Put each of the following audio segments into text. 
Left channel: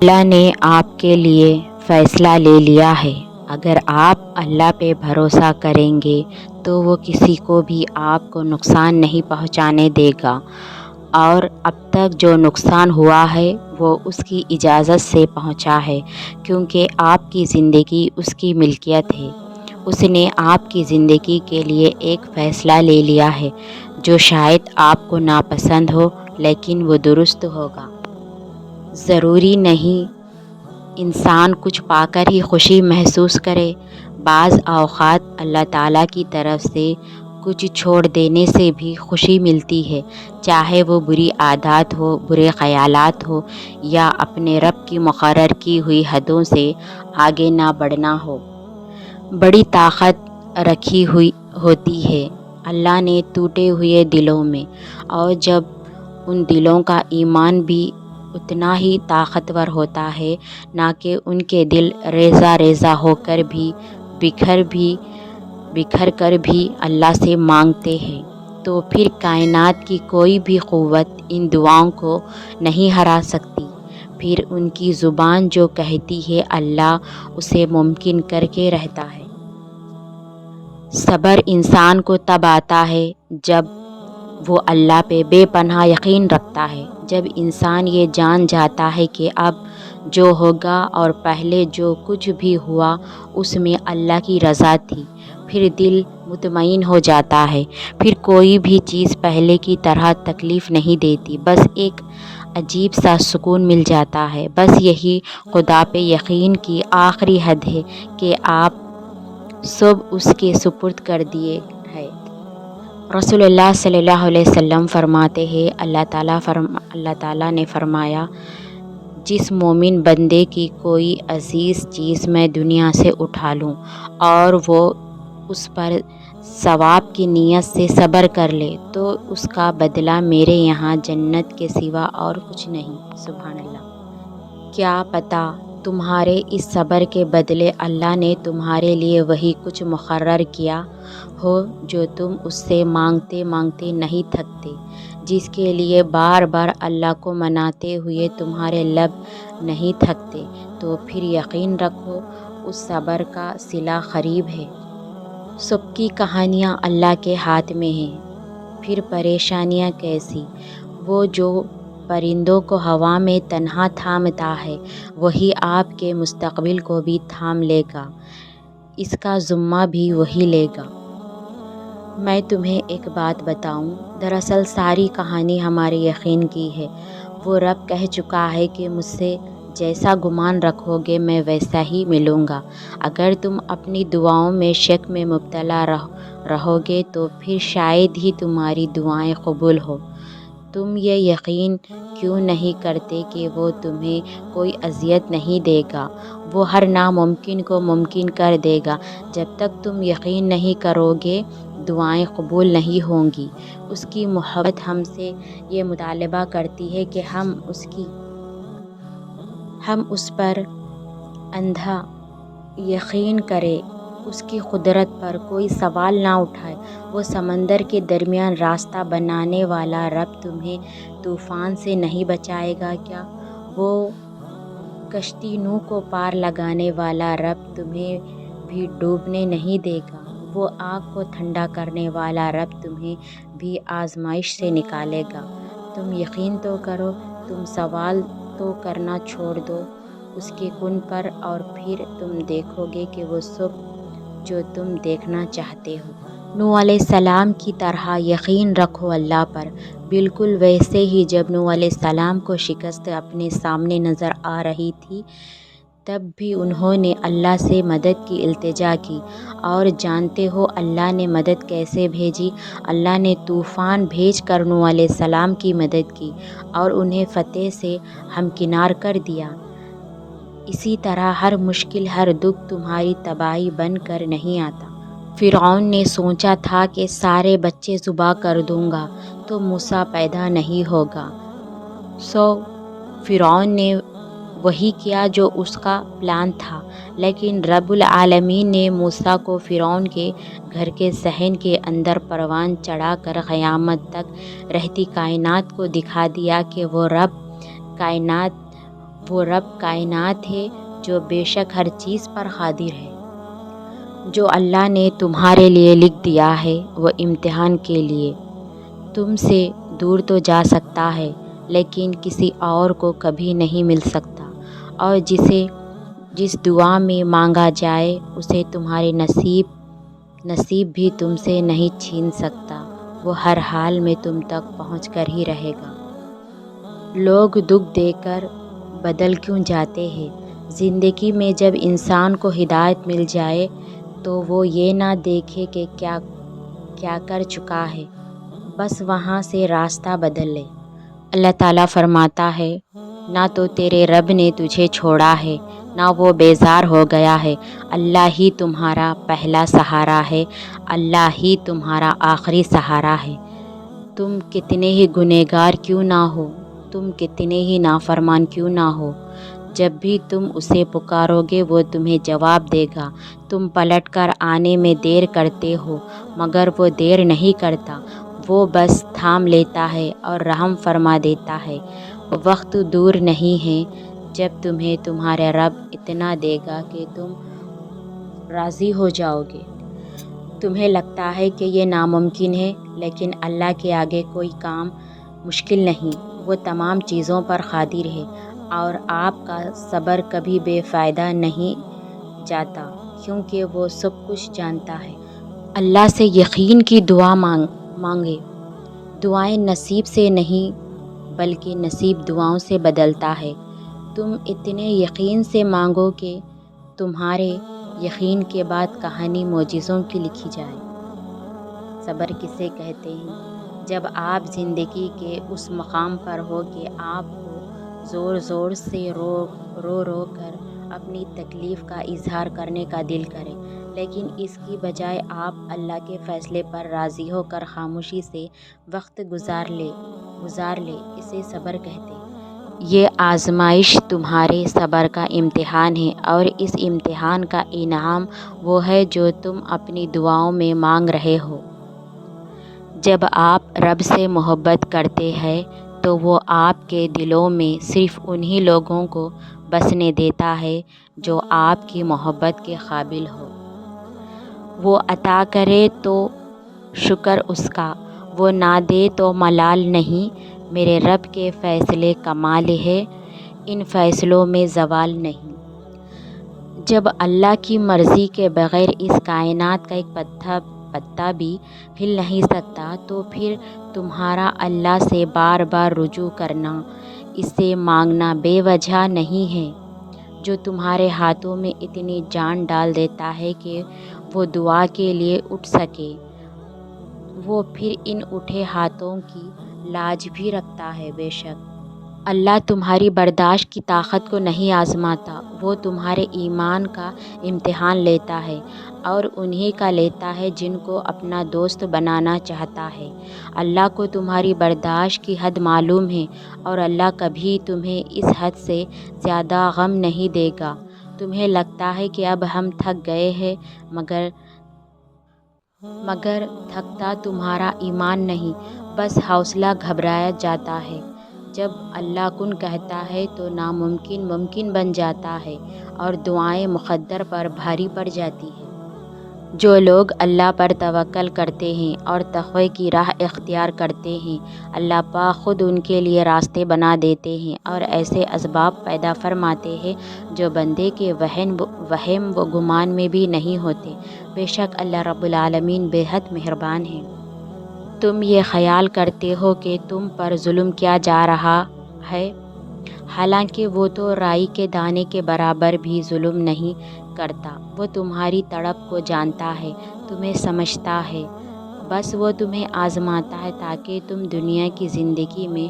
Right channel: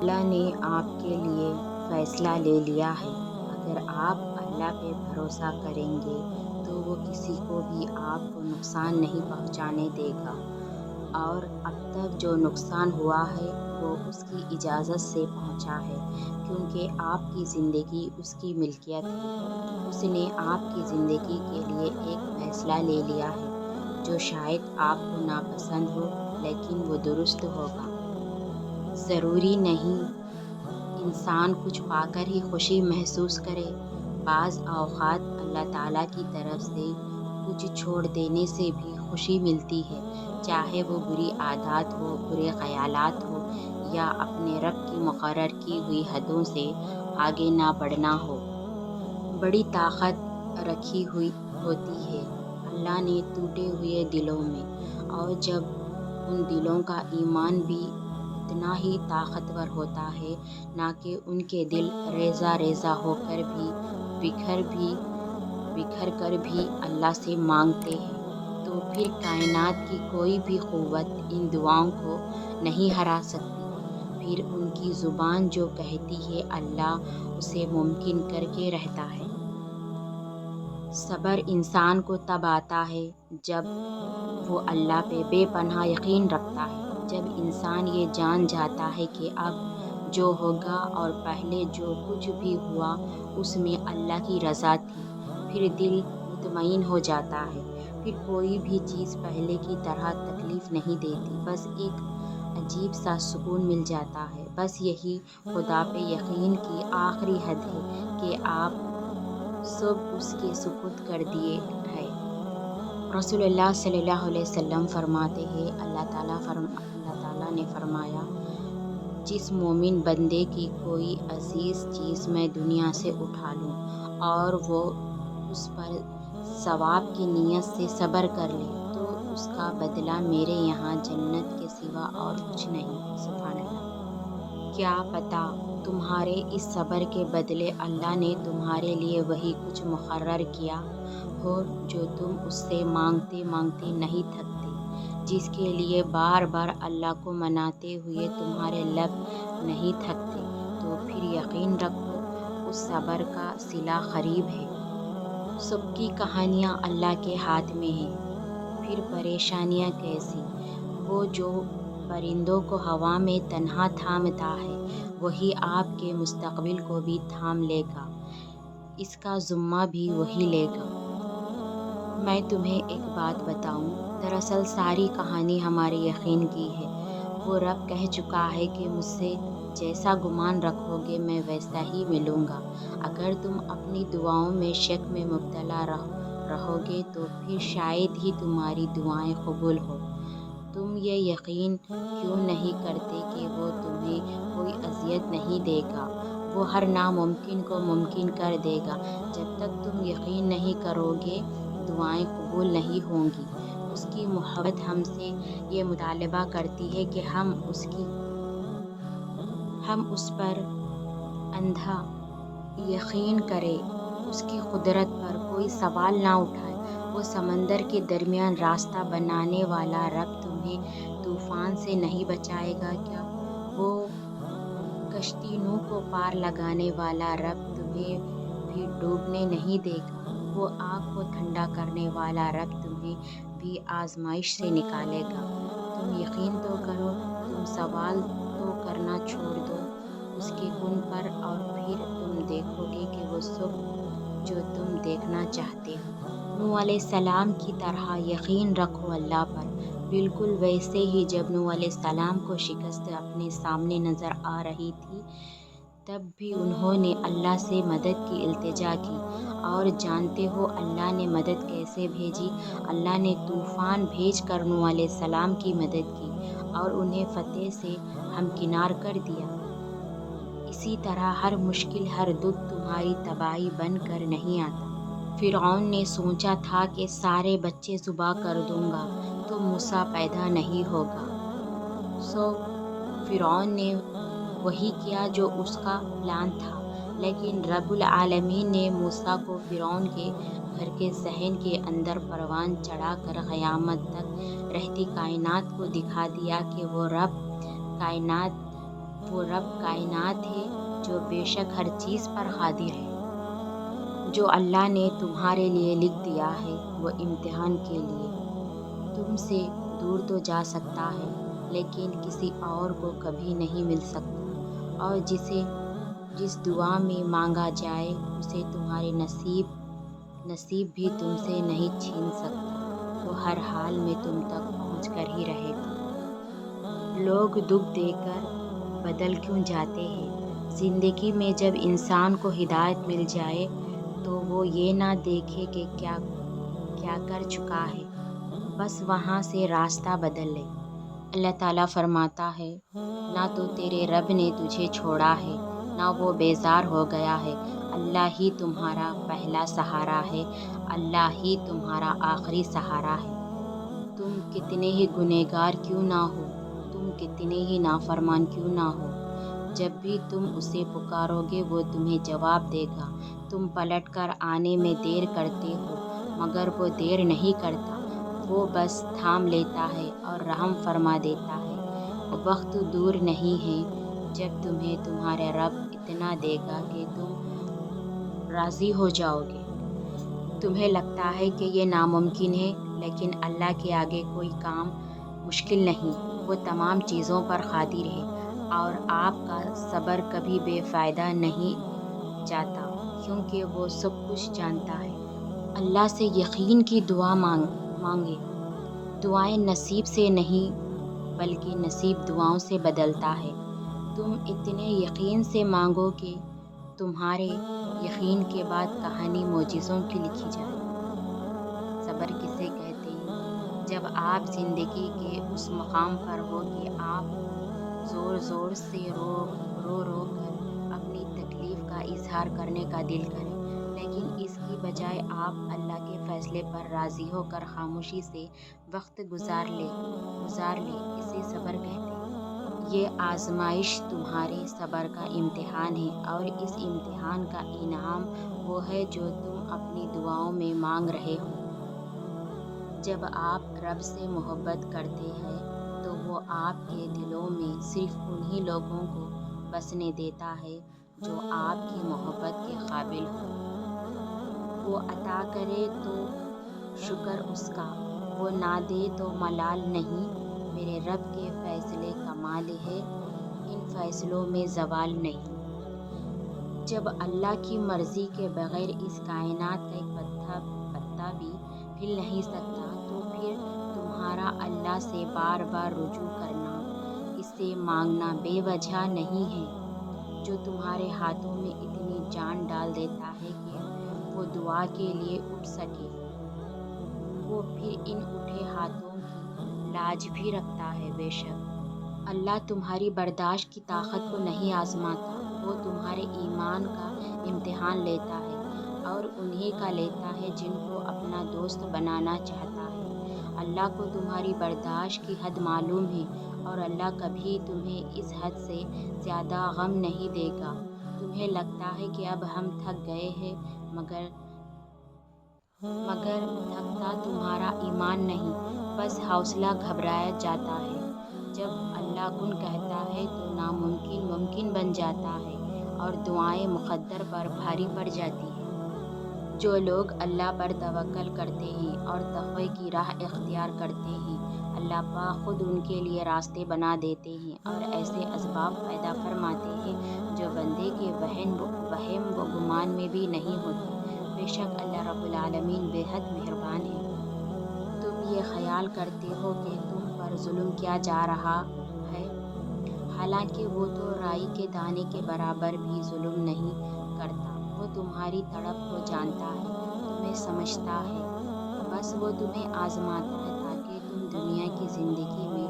اللہ نے آپ کے لیے فیصلہ لے لیا ہے۔ اگر آپ اللہ پہ بھروسہ کریں گے تو وہ کسی کو بھی آپ کو نقصان نہیں پہنچانے دے گا، اور اب تک جو نقصان ہوا ہے وہ اس کی اجازت سے پہنچا ہے، کیونکہ آپ کی زندگی اس کی ملکیت ہے۔ اس نے آپ کی زندگی کے لیے ایک فیصلہ لے لیا ہے جو شاید آپ کو ناپسند ہو، لیکن وہ درست ہوگا۔ ضروری نہیں انسان کچھ پا کر ہی خوشی محسوس کرے۔ بعض اوقات اللہ تعالیٰ کی طرف سے کچھ چھوڑ دینے سے بھی خوشی ملتی ہے، چاہے وہ بری عادات ہو، برے خیالات ہو، یا اپنے رب کی مقرر کی ہوئی حدوں سے آگے نہ بڑھنا ہو۔ بڑی طاقت رکھی ہوئی ہوتی ہے اللہ نے ٹوٹے ہوئے دلوں میں، اور جب ان دلوں کا ایمان بھی اتنا ہی طاقتور ہوتا ہے، نہ کہ ان کے دل ریزہ ریزہ ہو کر بھی بکھر کر بھی اللہ سے مانگتے ہیں، تو پھر کائنات کی کوئی بھی قوت ان دعاؤں کو نہیں ہرا سکتی۔ پھر ان کی زبان جو کہتی ہے اللہ اسے ممکن کر کے رہتا ہے۔ صبر انسان کو تب آتا ہے جب وہ اللہ پہ بے پناہ یقین رکھتا ہے، جب انسان یہ جان جاتا ہے کہ اب جو ہوگا اور پہلے جو کچھ بھی ہوا اس میں اللہ کی رضا تھی، پھر دل مطمئن ہو جاتا ہے۔ پھر کوئی بھی چیز پہلے کی طرح تکلیف نہیں دیتی، بس ایک عجیب سا سکون مل جاتا ہے۔ بس یہی خدا پہ یقین کی آخری حد ہے کہ آپ سب اس کے سپرد کر دیے ہے۔ رسول اللہ صلی اللہ علیہ وسلم فرماتے ہیں، اللہ تعالیٰ نے فرمایا، جس مومن بندے کی کوئی عزیز چیز میں دنیا سے اٹھا لوں اور وہ اس پر ثواب کی نیت سے صبر کر لے تو اس کا بدلہ میرے یہاں جنت کے سوا اور کچھ نہیں۔ سبحان اللہ۔ کیا پتہ تمہارے اس صبر کے بدلے اللہ نے تمہارے لیے وہی کچھ مقرر کیا ہو جو تم اس سے مانگتے مانگتے نہیں تھکتے، جس کے لیے بار بار اللہ کو مناتے ہوئے تمہارے لب نہیں تھکتے، تو پھر یقین رکھو اس صبر کا صلہ قریب ہے۔ سب کی کہانیاں اللہ کے ہاتھ میں ہیں، پھر پریشانیاں کیسی؟ وہ جو پرندوں کو ہوا میں تنہا تھامتا ہے وہی آپ کے مستقبل کو بھی تھام لے گا، اس کا ذمہ بھی وہی لے گا۔ میں تمہیں ایک بات بتاؤں، دراصل ساری کہانی ہمارے یقین کی ہے۔ وہ رب کہہ چکا ہے کہ مجھ سے جیسا گمان رکھو گے میں ویسا ہی ملوں گا۔ اگر تم اپنی دعاؤں میں شک میں مبتلا رہو گے تو پھر شاید ہی تمہاری دعائیں قبول ہو۔ تم یہ یقین کیوں نہیں کرتے کہ وہ تمہیں کوئی اذیت نہیں دے گا؟ وہ ہر ناممکن کو ممکن کر دے گا۔ جب تک تم یقین نہیں کرو گے دعائیں قبول نہیں ہوں گی۔ اس کی محبت ہم سے یہ مطالبہ کرتی ہے کہ ہم اس پر اندھا یقین کریں، اس کی قدرت پر کوئی سوال نہ اٹھائیں۔ وہ سمندر کے درمیان راستہ بنانے والا رب تمہیں طوفان سے نہیں بچائے گا کیا؟ وہ کشتی نوح کو پار لگانے والا رب تمہیں بھی ڈوبنے نہیں دے گا۔ وہ آگ کو ٹھنڈا کرنے والا رب تمہیں بھی آزمائش سے نکالے گا۔ تم یقین تو کرو، تم سوال تو کرنا چھوڑ دو اس کے کن پر، اور پھر تم دیکھو گے کہ وہ سب جو تم دیکھنا چاہتے ہو۔ نوح علیہ السلام کی طرح یقین رکھو اللہ پر، بالکل ویسے ہی جب نوح علیہ السلام کو شکست اپنے سامنے نظر آ رہی تھی تب بھی انہوں نے اللہ سے مدد کی التجا کی، اور جانتے ہو اللہ نے مدد کیسے بھیجی؟ اللہ نے طوفان بھیج کر نوح علیہ السلام کی مدد کی اور انہیں فتح سے ہمکنار کر دیا۔ اسی طرح ہر مشکل، ہر دکھ تمہاری تباہی بن کر نہیں آتا۔ فرعون نے سوچا تھا کہ سارے بچے ذبح کر دوں گا تو موسیٰ پیدا نہیں ہوگا، سو فرعون نے وہی کیا جو اس کا پلان تھا، لیکن رب العالمین نے موسیٰ کو فرعون کے گھر کے صحن کے اندر پروان چڑھا کر قیامت تک رہتی کائنات کو دکھا دیا کہ وہ رب کائنات وہ رب کائنات ہے جو بے شک ہر چیز پر قادر ہے۔ جو اللہ نے تمہارے لیے لکھ دیا ہے وہ امتحان کے لیے تم سے دور تو جا سکتا ہے لیکن کسی اور کو کبھی نہیں مل سکتا، اور جس دعا میں مانگا جائے اسے تمہارے نصیب بھی تم سے نہیں چھین سکتا، وہ ہر حال میں تم تک پہنچ کر ہی رہے گا۔ لوگ دکھ دے کر بدل کیوں جاتے ہیں؟ زندگی میں جب انسان کو ہدایت مل جائے تو وہ یہ نہ دیکھے کہ کیا کر چکا ہے، بس وہاں سے راستہ بدل لے۔ اللہ تعالیٰ فرماتا ہے، نہ تو تیرے رب نے تجھے چھوڑا ہے نہ وہ بیزار ہو گیا ہے، اللہ ہی تمہارا پہلا سہارا ہے، اللہ ہی تمہارا آخری سہارا ہے۔ تم کتنے ہی گنہگار کیوں نہ ہو، تم کتنے ہی نافرمان کیوں نہ ہو، جب بھی تم اسے پکارو گے وہ تمہیں جواب دے گا۔ تم پلٹ کر آنے میں دیر کرتے ہو مگر وہ دیر نہیں کرتا، وہ بس تھام لیتا ہے اور رحم فرما دیتا ہے۔ وقت دور نہیں ہے جب تمہیں تمہارا رب اتنا دے گا کہ تم راضی ہو جاؤ گے۔ تمہیں لگتا ہے کہ یہ ناممکن ہے، لیکن اللہ کے آگے کوئی کام مشکل نہیں، وہ تمام چیزوں پر قادر ہے، اور آپ کا صبر کبھی بے فائدہ نہیں جاتا کیونکہ وہ سب کچھ جانتا ہے۔ اللہ سے یقین کی دعا مانگے، دعائیں نصیب سے نہیں بلکہ نصیب دعاؤں سے بدلتا ہے۔ تم اتنے یقین سے مانگو کہ تمہارے یقین کے بعد کہانی معجزوں کی لکھی جائے۔ صبر کسے کہتے ہیں؟ جب آپ زندگی کے اس مقام پر ہو کہ آپ کو زور زور سے رو کر اپنی تکلیف کا اظہار کرنے کا دل کرے، لیکن اس کی بجائے آپ اللہ کے فیصلے پر راضی ہو کر خاموشی سے وقت گزار لے، اسے صبر کہتے ہیں۔ یہ آزمائش تمہارے صبر کا امتحان ہے، اور اس امتحان کا انعام وہ ہے جو تم اپنی دعاؤں میں مانگ رہے ہو۔ جب آپ رب سے محبت کرتے ہیں تو وہ آپ کے دلوں میں صرف انہی لوگوں کو بسنے دیتا ہے جو آپ کی محبت کے قابل ہو۔ وہ عطا کرے تو شکر اس کا، وہ نہ دے تو ملال نہیں۔ میرے رب کے فیصلے کمال ہے، ان فیصلوں میں زوال نہیں۔ جب اللہ کی مرضی کے بغیر اس کائنات کا ایک پتا بھی ہل نہیں سکتا تو پھر تمہارا اللہ سے بار بار رجوع کرنا، اس سے مانگنا بے وجہ نہیں ہے۔ جو تمہارے ہاتھوں میں اتنی جان ڈال دیتا ہے کہ وہ دعا کے لیے اٹھ سکے، وہ پھر ان اٹھے ہاتھوں کی لاج بھی رکھتا ہے۔ بے شک اللہ تمہاری برداشت کی طاقت کو نہیں آزماتا، وہ تمہارے ایمان کا امتحان لیتا ہے، اور انہی کا لیتا ہے جن کو اپنا دوست بنانا چاہتا ہے۔ اللہ کو تمہاری برداشت کی حد معلوم ہے، اور اللہ کبھی تمہیں اس حد سے زیادہ غم نہیں دے گا۔ تمہیں لگتا ہے کہ اب ہم تھک گئے ہیں، مگر تھکتا تمہارا ایمان نہیں، بس حوصلہ گھبرایا جاتا ہے۔ جب اللہ کن کہتا ہے تو ناممکن ممکن بن جاتا ہے، اور دعائیں مقدر پر بھاری پڑ جاتی ہیں۔ جو لوگ اللہ پر توکل کرتے ہیں اور تقوی کی راہ اختیار کرتے ہیں، اللہ پاک خود ان کے لیے راستے بنا دیتے ہیں اور ایسے اسباب پیدا فرماتے ہیں جو بندے کے وہم و گمان میں بھی نہیں ہوتے۔ بے شک اللہ رب العالمین بے حد مہربان ہے۔ تم یہ خیال کرتے ہو کہ تم پر ظلم کیا جا رہا ہے، حالانکہ وہ تو رائی کے دانے کے برابر بھی ظلم نہیں کرتا۔ وہ تمہاری تڑپ کو جانتا ہے، تمہیں سمجھتا ہے، بس وہ تمہیں آزماتا ہے تاکہ تم دنیا کی زندگی میں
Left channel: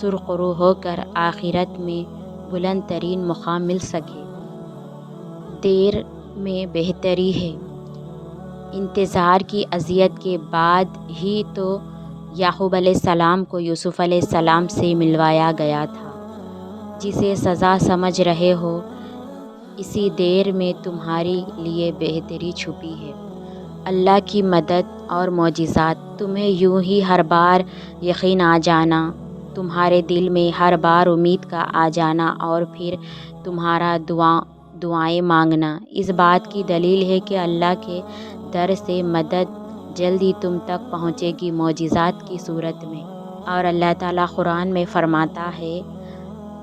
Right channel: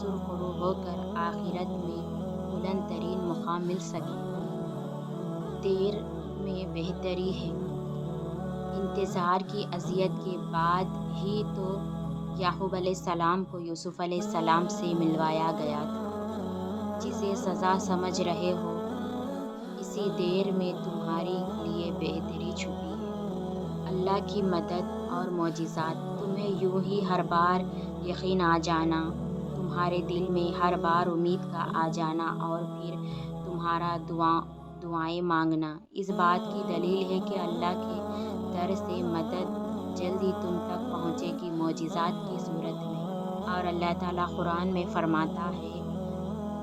سرخرو ہو کر آخرت میں بلند ترین مقام مل سکے۔ دیر میں بہتری ہے۔ انتظار کی اذیت کے بعد ہی تو یعقوب علیہ السلام کو یوسف علیہ السلام سے ملوایا گیا تھا۔ جسے سزا سمجھ رہے ہو، اسی دیر میں تمہارے لیے بہتری چھپی ہے۔ اللہ کی مدد اور معجزات تمہیں یوں ہی ہر بار یقین آ جانا، تمہارے دل میں ہر بار امید کا آ جانا اور پھر تمہارا دعائیں مانگنا اس بات کی دلیل ہے کہ اللہ کے در سے مدد جلد ہی تم تک پہنچے گی، معجزات کی صورت میں۔ اور اللہ تعالیٰ قرآن میں فرماتا ہے،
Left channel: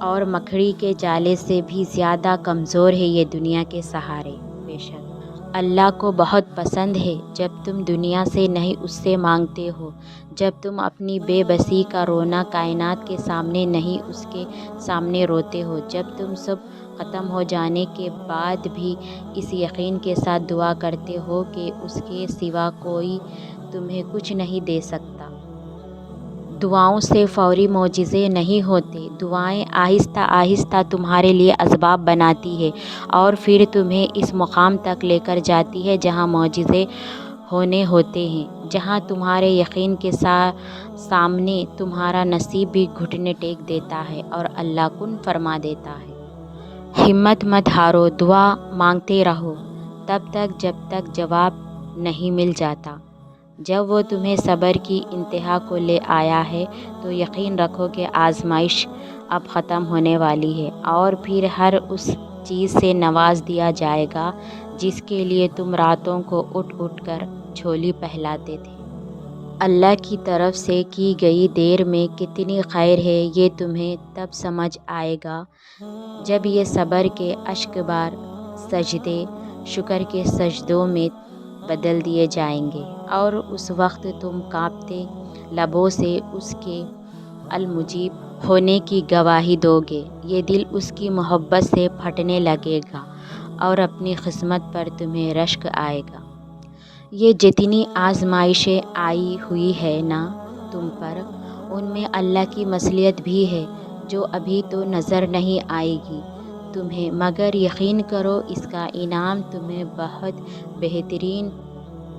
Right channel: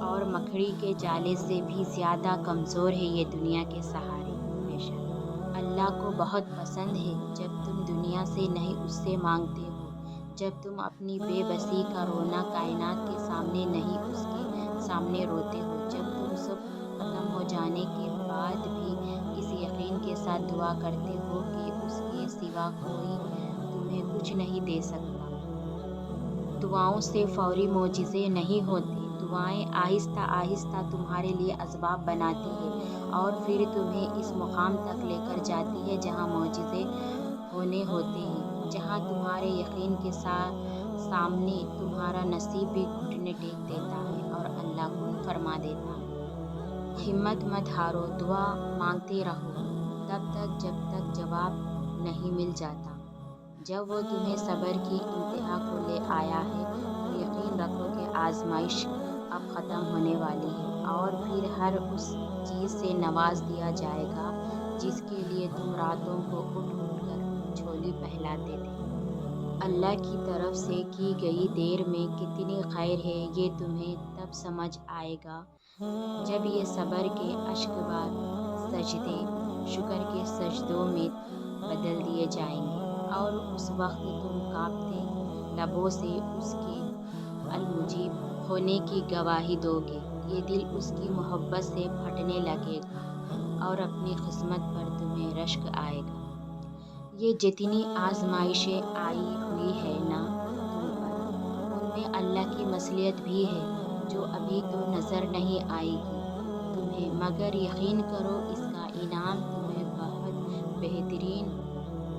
اور مکڑی کے جالے سے بھی زیادہ کمزور ہے یہ دنیا کے سہارے۔ بے شک اللہ کو بہت پسند ہے جب تم دنیا سے نہیں اس سے مانگتے ہو، جب تم اپنی بے بسی کا رونا کائنات کے سامنے نہیں اس کے سامنے روتے ہو، جب تم سب ختم ہو جانے کے بعد بھی اس یقین کے ساتھ دعا کرتے ہو کہ اس کے سوا کوئی تمہیں کچھ نہیں دے سکتا۔ دعاؤں سے فوری معجزے نہیں ہوتے، دعائیں آہستہ آہستہ تمہارے لیے اسباب بناتی ہے اور پھر تمہیں اس مقام تک لے کر جاتی ہے جہاں معجزے ہونے ہوتے ہیں، جہاں تمہارے یقین کے سامنے تمہارا نصیب بھی گھٹنے ٹیک دیتا ہے اور اللہ کن فرما دیتا ہے۔ ہمت مت ہارو، دعا مانگتے رہو تب تک جب تک جواب نہیں مل جاتا۔ جب وہ تمہیں صبر کی انتہا کو لے آیا ہے تو یقین رکھو کہ آزمائش اب ختم ہونے والی ہے اور پھر ہر اس چیز سے نواز دیا جائے گا جس کے لیے تم راتوں کو اٹھ اٹھ کر جھولی پہلاتے تھے۔ اللہ کی طرف سے کی گئی دیر میں کتنی خیر ہے یہ تمہیں تب سمجھ آئے گا جب یہ صبر کے اشک بار سجدے شکر کے سجدوں میں بدل دیے جائیں گے اور اس وقت تم کانپتے لبوں سے اس کے المجیب ہونے کی گواہی دو گے۔ یہ دل اس کی محبت سے پھٹنے لگے گا اور اپنی قسمت پر تمہیں رشک آئے گا۔ یہ جتنی آزمائشیں آئی ہوئی ہے نا تم پر، ان میں اللہ کی مصلحت بھی ہے جو ابھی تو نظر نہیں آئے گی تمہیں، مگر یقین کرو اس کا انعام تمہیں بہت بہترین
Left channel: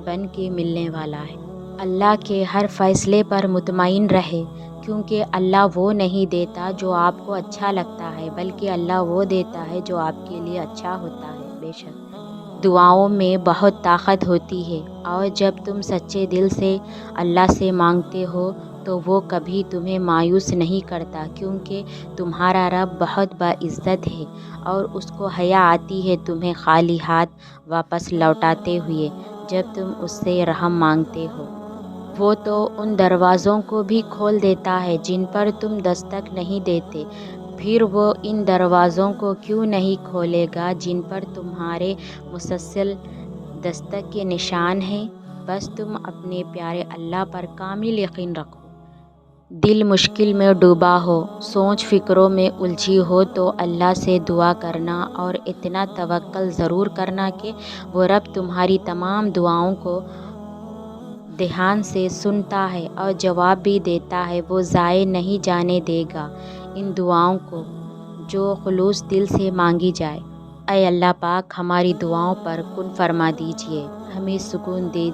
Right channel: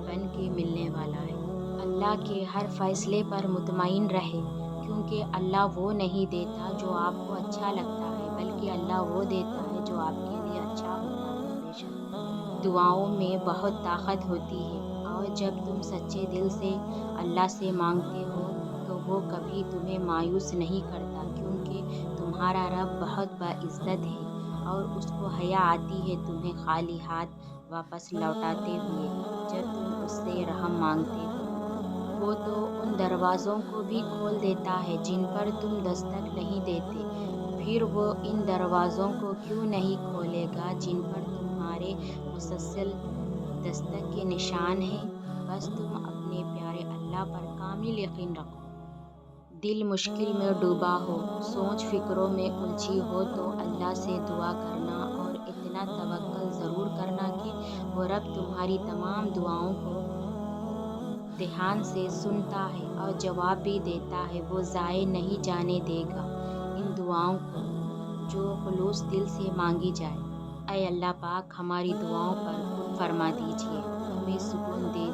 بن کے ملنے والا ہے۔ اللہ کے ہر فیصلے پر مطمئن رہے، کیونکہ اللہ وہ نہیں دیتا جو آپ کو اچھا لگتا ہے بلکہ اللہ وہ دیتا ہے جو آپ کے لیے اچھا ہوتا ہے۔ بے شک دعاؤں میں بہت طاقت ہوتی ہے اور جب تم سچے دل سے اللہ سے مانگتے ہو تو وہ کبھی تمہیں مایوس نہیں کرتا، کیونکہ تمہارا رب بہت باعزت ہے اور اس کو حیا آتی ہے تمہیں خالی ہاتھ واپس لوٹاتے ہوئے جب تم اس سے رحم مانگتے ہو۔ وہ تو ان دروازوں کو بھی کھول دیتا ہے جن پر تم دستک نہیں دیتے، پھر وہ ان دروازوں کو کیوں نہیں کھولے گا جن پر تمہارے مسلسل دستک کے نشان ہیں۔ بس تم اپنے پیارے اللہ پر کامل یقین رکھو۔ دل مشکل میں ڈوبا ہو، سوچ فکروں میں الجھی ہو تو اللہ سے دعا کرنا اور اتنا توکل ضرور کرنا کہ وہ رب تمہاری تمام دعاؤں کو دھیان سے سنتا ہے اور جواب بھی دیتا ہے۔ وہ ضائع نہیں جانے دے گا ان دعاؤں کو جو خلوص دل سے مانگی جائے۔ اے اللہ پاک، ہماری دعاؤں پر کن فرما دیجئے، ہمیں سکون دے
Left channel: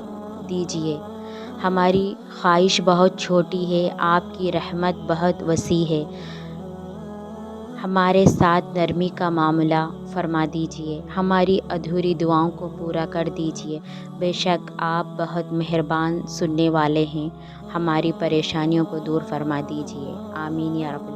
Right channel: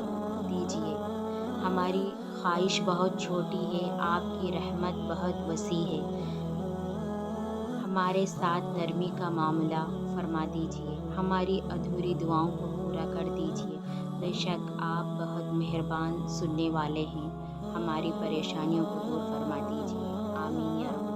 دیجئے۔ ہماری خواہش بہت چھوٹی ہے، آپ کی رحمت بہت وسیع ہے، ہمارے ساتھ نرمی کا معاملہ فرما دیجئے، ہماری ادھوری دعاؤں کو پورا کر دیجئے۔ بے شک آپ بہت مہربان سننے والے ہیں، ہماری پریشانیوں کو دور فرما دیجئے۔ آمین یا رب۔